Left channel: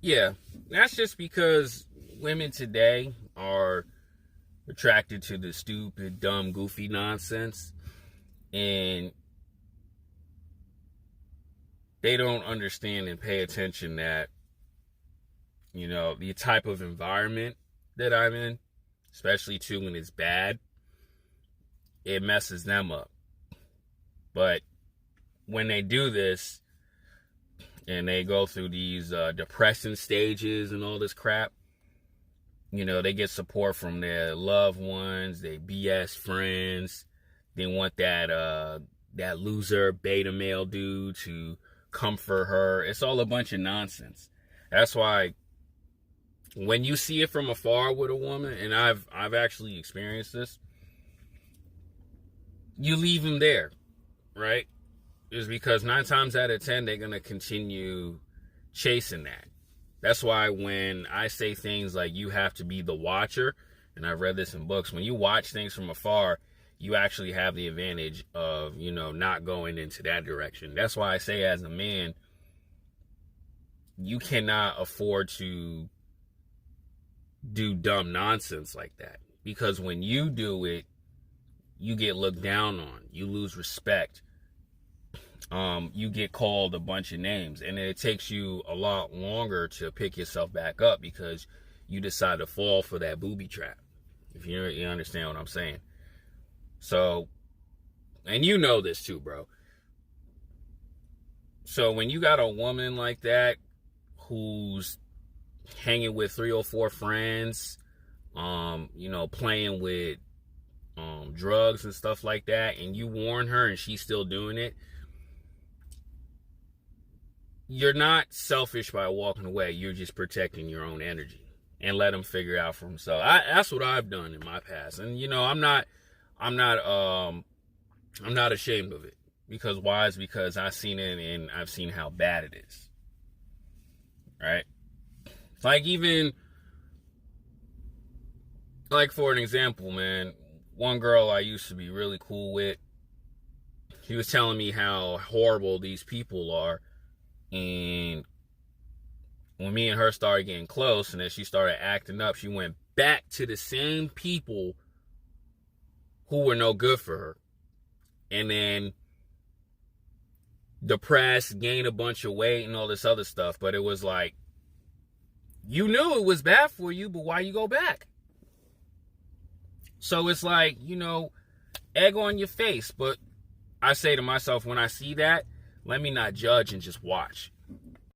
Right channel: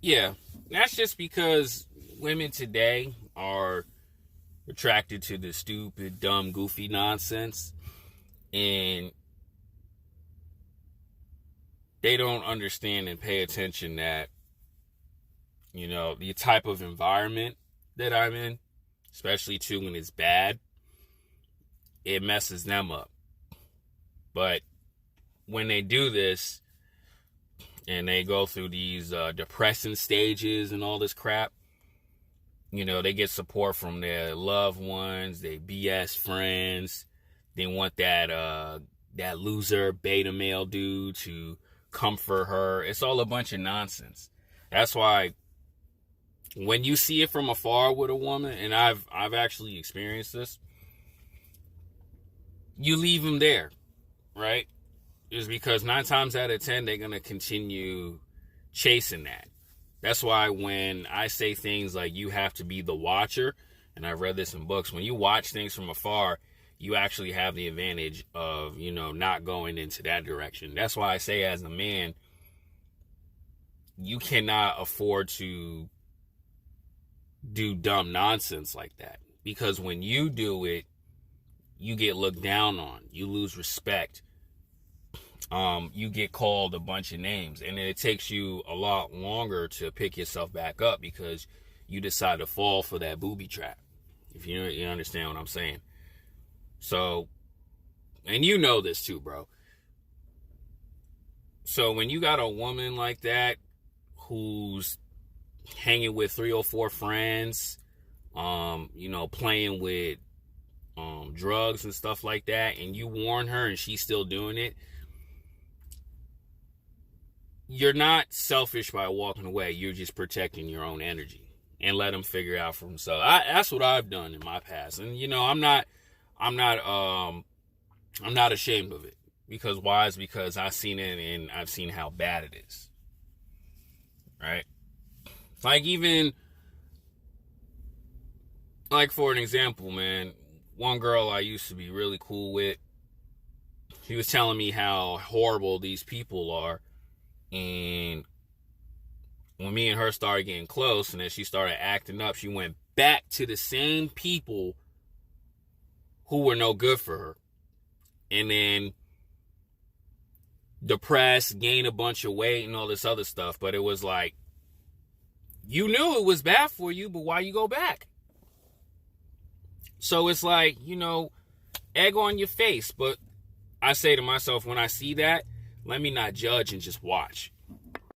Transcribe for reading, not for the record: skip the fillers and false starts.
Yeah, that's just because women today are attracted to the stupid, dumb, goofy nonsense, and they don't understand and pay attention that, the type of environment that I'm in, especially too when it's bad, it messes them up. But when they do this and they go through these depressing stages and all this crap, they get support from their loved ones, their BS friends. They want that loser beta male dude to comfort her. It's all a bunch of nonsense. That's why when you see it from afar with a woman, and I've actually experienced this, you leave them there, right? Is because 9 times out of 10 they're gonna continue chasing that. That's why when I say things like you have to be the watcher, and I've read this in books, when you watch things from afar, you actually have the advantage of, not going into that direction. That's why I say as a man, you cannot afford to do dumb nonsense like that. Because when you do it, you get looked down on. You lose respect. You get called a bunch of names, and it takes you a lot longer to pick yourself back up because you decide to fall for that booby trap. If you understand what I'm saying. So, and you know this too, bro. So when you got a woman like that who's hanging with 3 or 4 friends, playing with drugs and stuff like that, and you warn her and she's still doing it, you're not selfish by walking away. You're just protecting your own energy and let them figure it out for themselves. That's what I've done in my past, and I'm not ashamed of it. Because why? Is because I've seen it and I've seen how bad it is. Right? Like for an example, man, one girl I used to be really cool with, she was telling me how horrible these people are. And when me and her started getting close and then she started acting up, she went back to the same people who were no good for her. And then depressed, gained a bunch of weight and all this other stuff. But it was like, you knew it was bad for you, but why you go back? So it's like, egg on your face. But I say to myself, when I see that, let me not judge and just watch.